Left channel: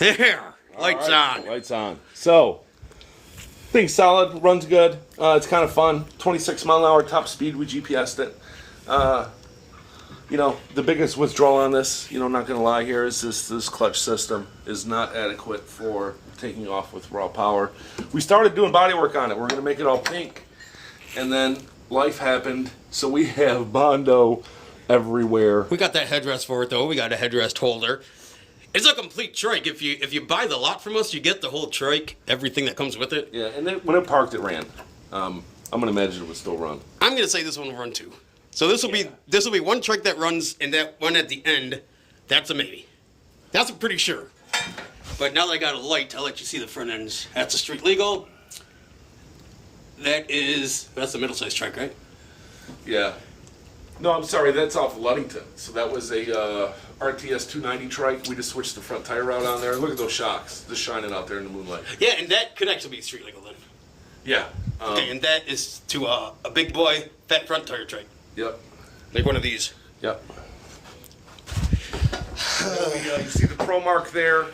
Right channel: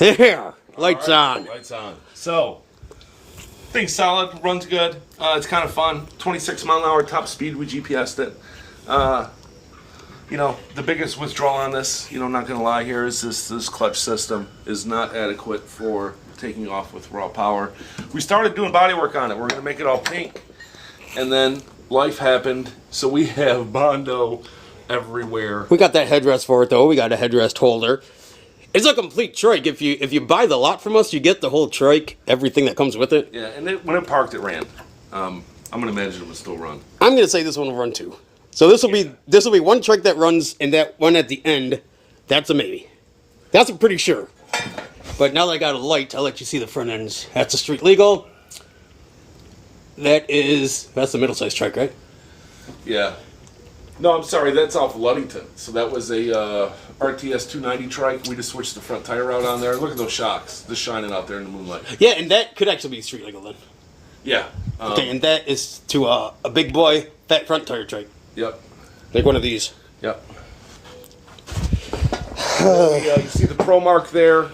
Yeah, lights on. Lights on. So, pretty solid, runs good. It's kind of fun. 26 mile an hour top speed, we GPS'd it. You know, the biggest withdrawal on this, you know, I'm not going to lie here, is this clutch system is not adequate for taking off with raw power. We started doing body work on it. We're going to make it all pink. And then life happened, so we have Bondo everywhere. We got that headrest for it, though. We got a headrest holder. It's a complete trike. If you buy the lot from us, you get the whole trike, everything that comes with it. Yeah, and when it parked, it ran. I'm going to imagine it would still run. I'm going to say this one will run too. So this will be one trike that runs, and that one at the end, that's a maybe. That's a pretty sure. But now that I got a light, I'll let you see the front ends. That's a street legal. That's the middle-sized trike, right? Yeah. No, I'm sorry, that's off Ludington. So that was a RTS 290 trike. We just switched the front tire out on there. Look at those shocks, just shining out there in the moonlight. Yeah, and that could actually be street legal then. Yeah. Okay, and that is to a big boy, fat front tire trike. Yep. Like one of these. Yep. You see the Pro Mark there.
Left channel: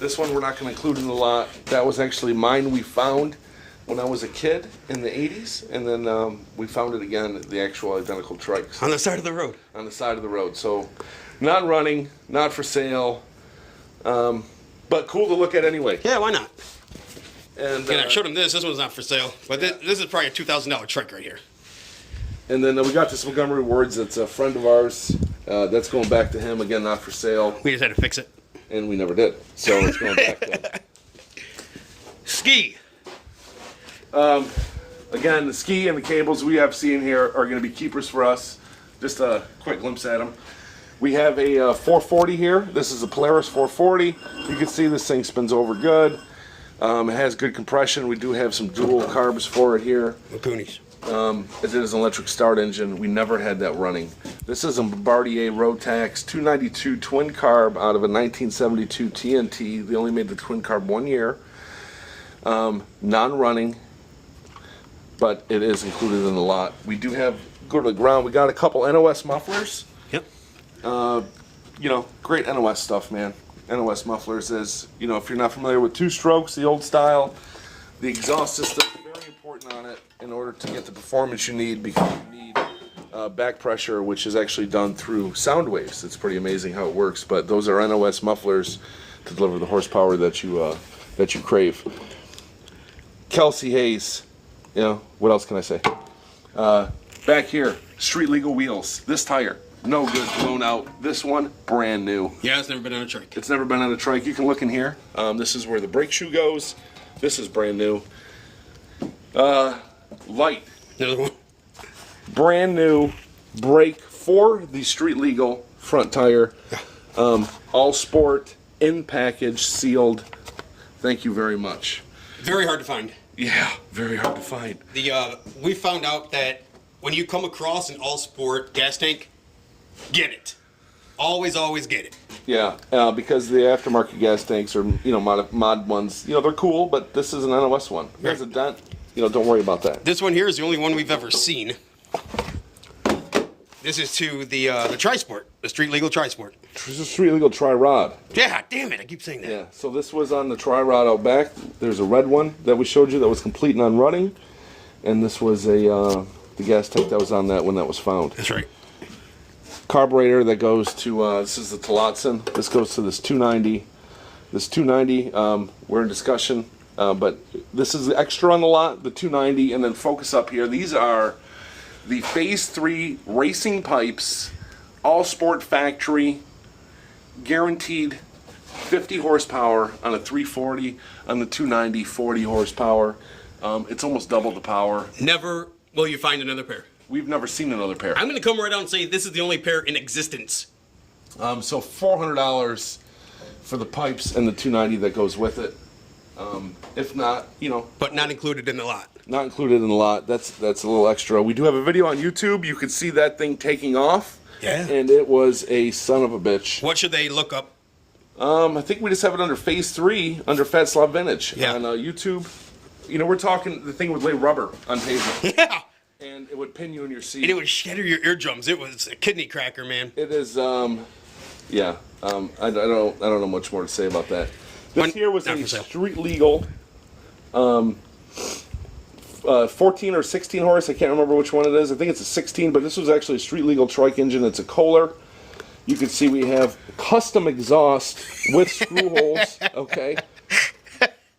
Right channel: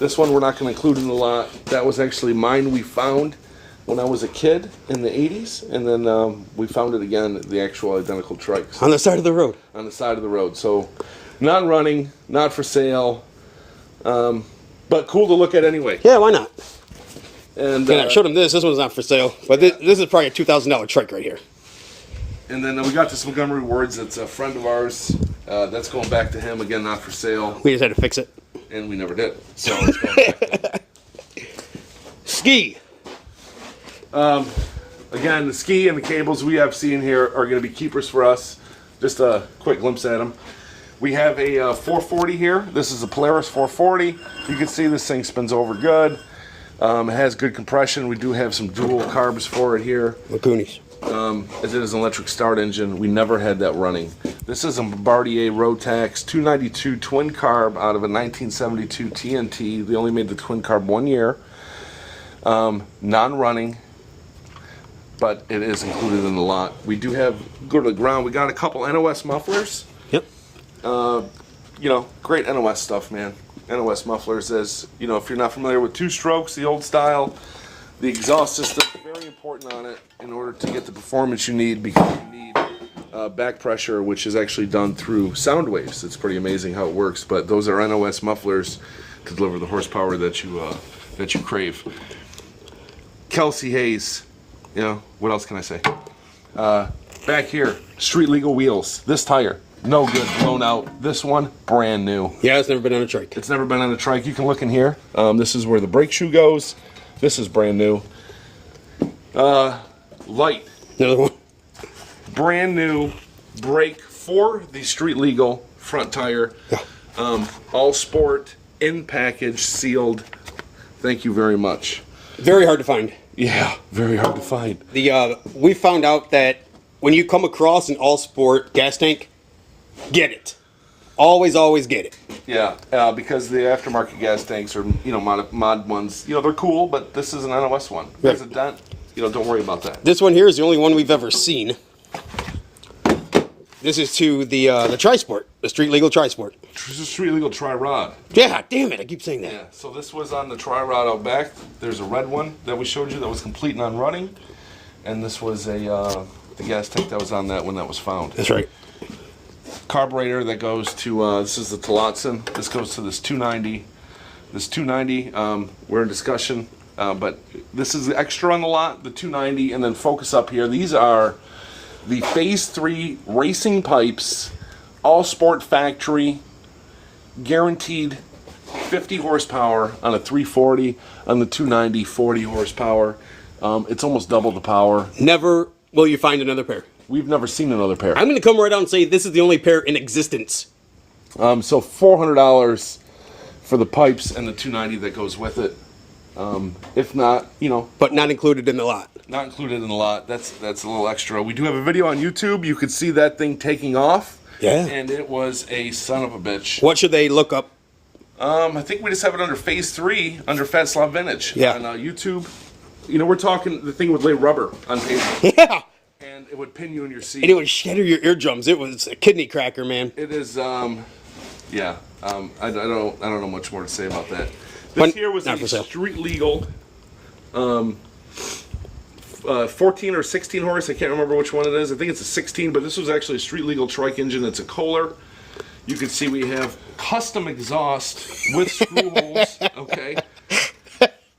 This one we're not going to include in the lot. That was actually mine we found when I was a kid in the 80s. And then we found it again, the actual identical trikes. On the side of the road. On the side of the road. So, not running, not for sale, but cool to look at anyway. Yeah, why not? And I showed him this. This one's not for sale. But this is probably a $2,000 trike right here. And then we got this Montgomery Words. That's a friend of ours. That's going back to him. Again, not for sale. We just had to fix it. And we never did. So it's going back to him. Ski. Again, the ski and the cables we have seen here are going to be keepers for us. Just a quick glimpse at them. We have a 440 here. This is a Polaris 440. You can see this thing spins over good. It has good compression. We do have some dual carbs for it here. Lacoonies. It is an electric start engine. We never had that running. This is a Bombardier Rotax 292 twin carb out of a 1972 TNT. They only made the twin carb 1 year. Non-running, but it is included in the lot. We do have, go to the ground, we got a couple NOS mufflers. Yep. You know, great NOS stuff, man. NOS mufflers is, you know, if you're not familiar with two strokes, the old style, the exhaust system is very important on it in order to get the performance you need, because you need back pressure, which is actually done through sound waves. It's pretty amazing how it works, but those are NOS mufflers to deliver the horsepower that you crave. Kelsey Hayes, you know, what else can I say? Back here, street legal wheels. This tire, no good, blown out. This one, brand new. Yeah, it's never been on a trike. It's never been on a trike. You can look in here. This is where the brake shoe goes. This is brand new. Light. Another one. Brand new brake for the street legal front tire. All sport, in package, sealed. Thank you very much. Very hard to find. Yeah, very hard to find. We found out that when you come across an all sport gas tank, get it. Always, always get it. Yeah, because the aftermarket gas tanks are, you know, mod ones, you know, they're cool, but this is an NOS one. If there's a dent, you know, don't worry about that. This one here is the only one we've ever seen. This is to the Tri-Sport, the street legal Tri-Sport. This is street legal tri-rod. Yeah, damn it, I keep saying that. Yeah, so this was on the tri-rod out back. There's a red one that we showed you that was complete non-running, and this was the gas tank that was on that when that was found. That's right. Carburetor that goes to, this is the Tillotson. This goes to this 290. This 290, we're in discussion, but this is the extra on the lot, the 290, and then focus up here. These are the Phase 3 racing pipes, all sport factory, guaranteed 50 horsepower on a 340, on the 290, 40 horsepower. It's almost double the power. Never will you find another pair. We've never seen another pair. I'm going to come right out and say this is the only pair in existence. So $400 for the pipes and the 290 that goes with it. If not, you know. But not included in the lot. Not included in the lot. That's a little extra. We do have a video on YouTube. You could see that thing taking off. Yeah. And it was a son of a bitch. What should they look up? I think we just have it under Phase 3, under Fatslobvintage. Yeah. On YouTube. You know, we're talking the thing would lay rubber on pavement. Yeah. And it would pin you in your seat. And it would shatter your eardrums. It was a kidney cracker, man. It is, yeah. I don't know much more to say about that. This here was Not a for sale. street legal 14 or 16 horse. I can't remember which one it is. I think it's a 16, but this was actually a street legal trike engine. It's a Kohler. You can see we have custom exhaust with screw holes. Okay.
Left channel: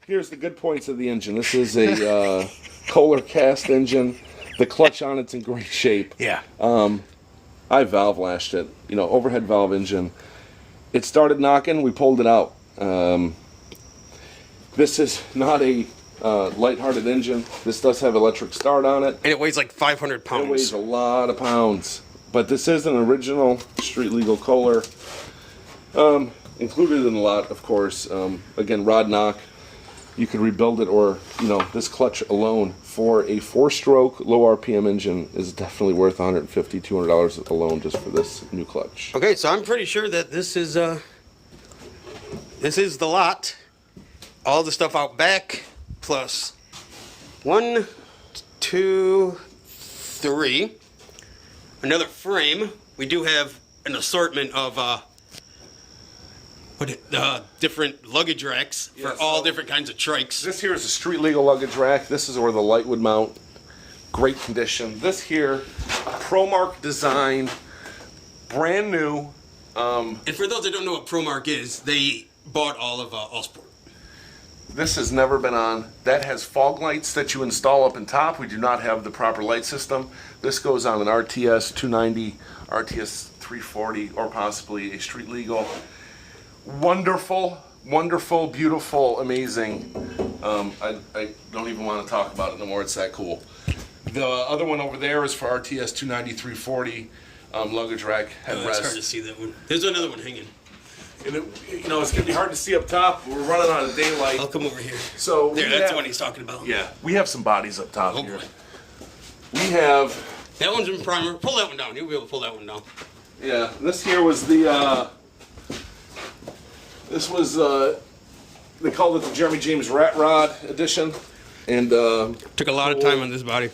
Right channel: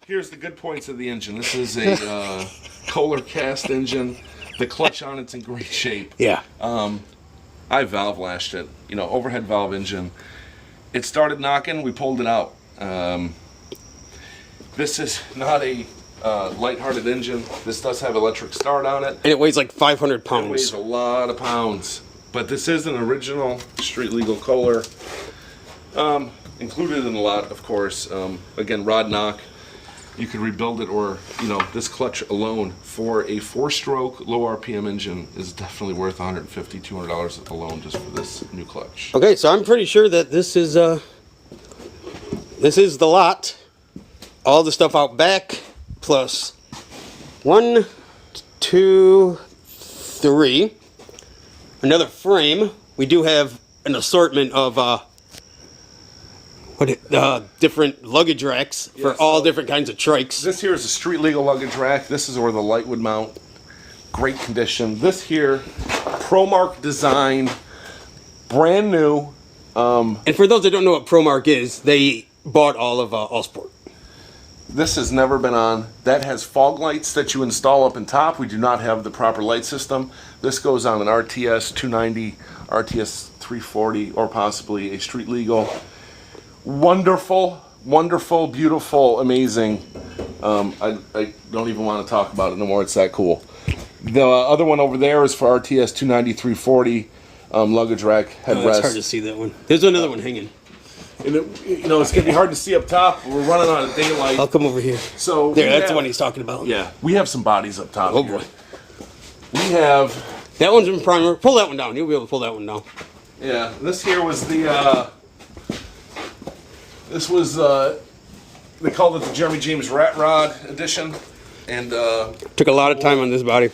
Here's the good points of the engine. This is a Kohler cast engine. The clutch on it's in great shape. Yeah. I valve lashed it. You know, overhead valve engine. It started knocking. We pulled it out. This is not a light-hearted engine. This does have electric start on it. And it weighs like 500 pounds. It weighs a lot of pounds. But this is an original street legal Kohler. Included in a lot, of course. Again, rod knock. You could rebuild it, or, you know, this clutch alone for a 4-stroke, low RPM engine is definitely worth $150, $200 alone just for this new clutch. Okay, so I'm pretty sure that this is the lot. All the stuff out back, plus 1, 2, 3. Another frame. We do have an assortment of different luggage racks for all different kinds of trikes. This here is a street legal luggage rack. This is where the light would mount. Great condition. This here, ProMark design, brand new. And for those that don't know what ProMark is, they bought all of Allsport. This has never been on. That has fog lights that you install up in top. We do not have the proper light system. This goes on an RTS 290, RTS 340, or possibly a street legal. Wonderful, wonderful, beautiful, amazing. I don't even want to talk about it no more. It's that cool. The other one over there is for RTS 290, 340 luggage rack headrest. It's hard to see that one. There's another one hanging. And you know, it's going to be hard to see up top. We're running out of daylight. I'll come over here. So there, that's the one he's talking about. Yeah, we have some bodies up top. Oh here. boy. We have. That one's in primer. Pull that one down. You'll be able to pull that one down. Yeah, this here was the. This was they called it the Jeremy James Rat Rod edition, and took a lot of time on this body.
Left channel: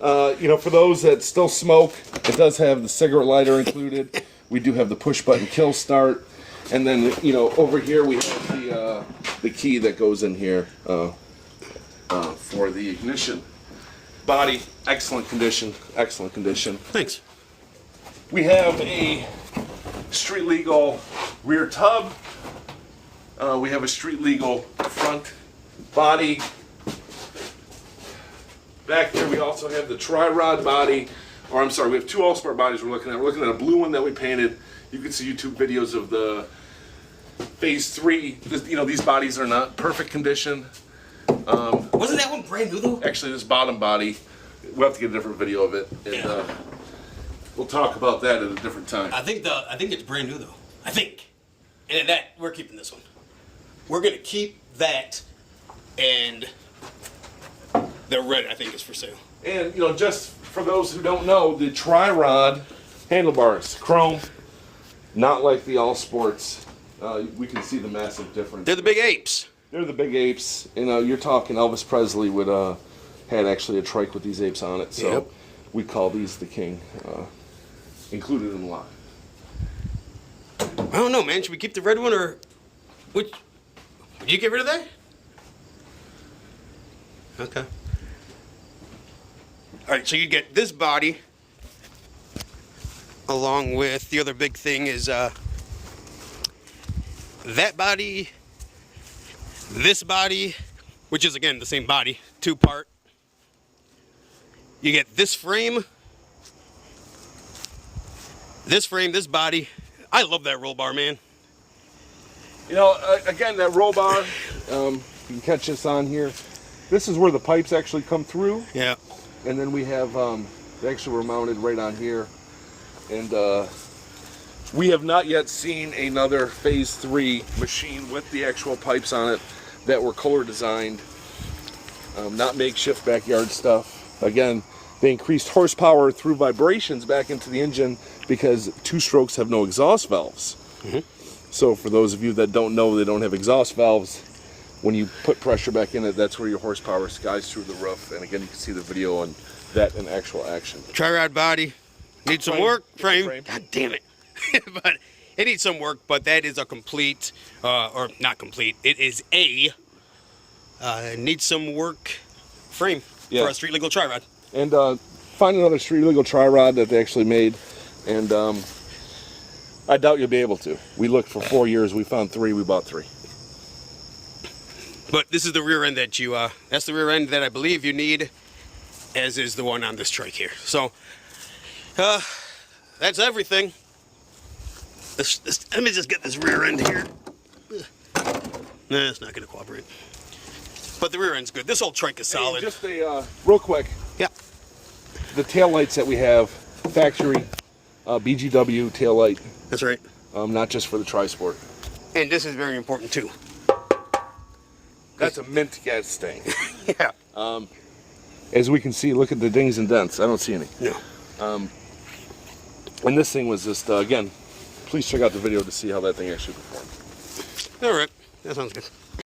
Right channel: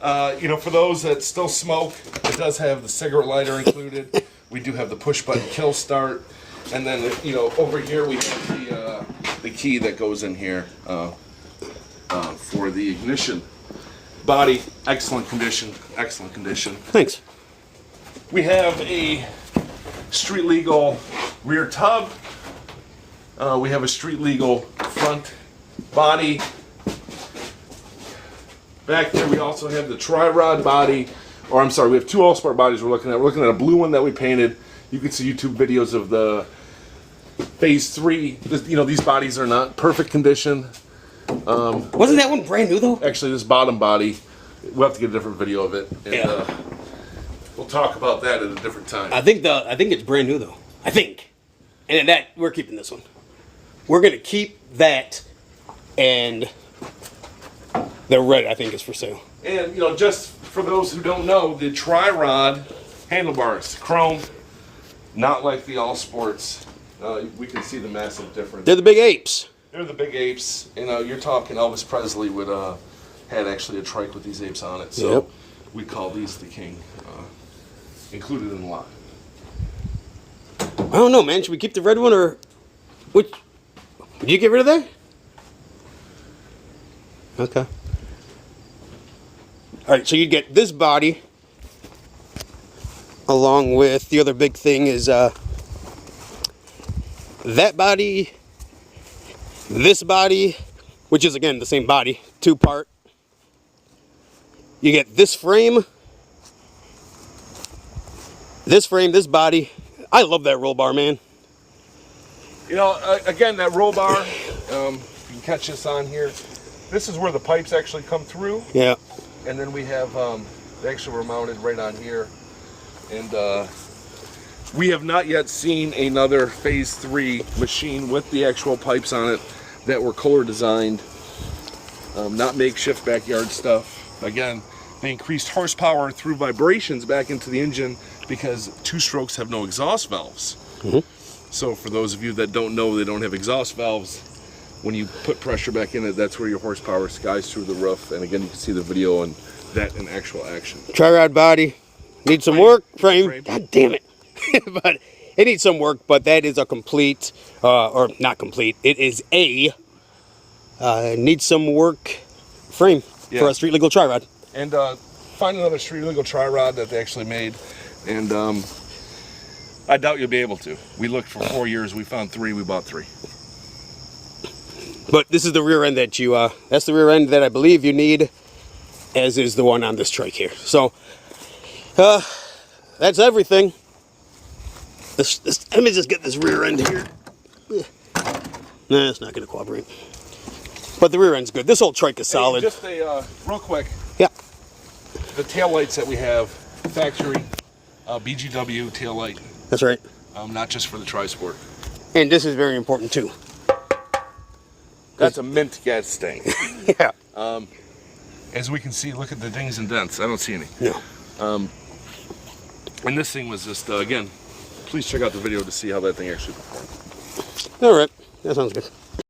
You know, for those that still smoke, it does have the cigarette lighter included. We do have the push button kill start. And then, you know, over here we have the key that goes in here for the ignition. Body, excellent condition, excellent condition. Thanks. We have a street legal rear tub. We have a street legal front body. Back there we also have the tri-rod body. Or I'm sorry, we have two Allsport bodies we're looking at. We're looking at a blue one that we painted. You can see YouTube videos of the Phase 3. You know, these bodies are not perfect condition. Wasn't that one brand new, though? Actually, this bottom body, we'll have to get a different video of it. And we'll talk about that at a different time. I think it's brand new, though. I think. And that, we're keeping this one. We're going to keep that, and the red, I think, is for sale. And, you know, just for those who don't know, the tri-rod handlebars, chrome, not like the Allsports. We can see the massive difference. They're the big apes. They're the big apes. You know, you're talking Elvis Presley would had actually a trike with these apes on it. So we call these the king. Included in the lot. I don't know, man. Should we keep the red one, or which? Did you get rid of that? Okay. All right, so you get this body, along with the other big thing is that body, this body, which is again the same body, 2-part. You get this frame, this body. I love that roll bar, man. You know, again, that roll bar, you can catch this on here. This is where the pipes actually come through. Yeah. And then we have, they actually were mounted right on here. And we have not yet seen another Phase 3 machine with the actual pipes on it that were Kohler designed. Not makeshift backyard stuff. Again, they increased horsepower through vibrations back into the engine because 2-strokes have no exhaust valves. Mm-hmm. So for those of you that don't know, they don't have exhaust valves. When you put pressure back in it, that's where your horsepower skies through the roof. And again, you can see the video on that in actual action. Tri-rod body. Need some work. Frame. God damn it. But It needs some work, but that is a complete, or not complete. It is a needs some work frame for a street legal tri rod. And find another street legal tri rod that they actually made, and I doubt you'll be able to. We looked for 4 years. We found 3. We bought 3. But this is the rear end that you, that's the rear end that I believe you need, as is the one on this trike here. So, that's everything. Let me just get this rear end here. Nah, it's not going to cooperate. But the rear end's good. This whole trike is solid. Hey, just a, real quick. Yeah. The tail lights that we have, factory, BGW tail light. That's right. Not just for the Tri-Sport. And this is very important too. That's a mint gas stain. Yeah. As we can see, look at the dings and dents. I don't see any. No. And this thing was just, again, please check out the video to see how that thing actually performed. All right. That sounds good.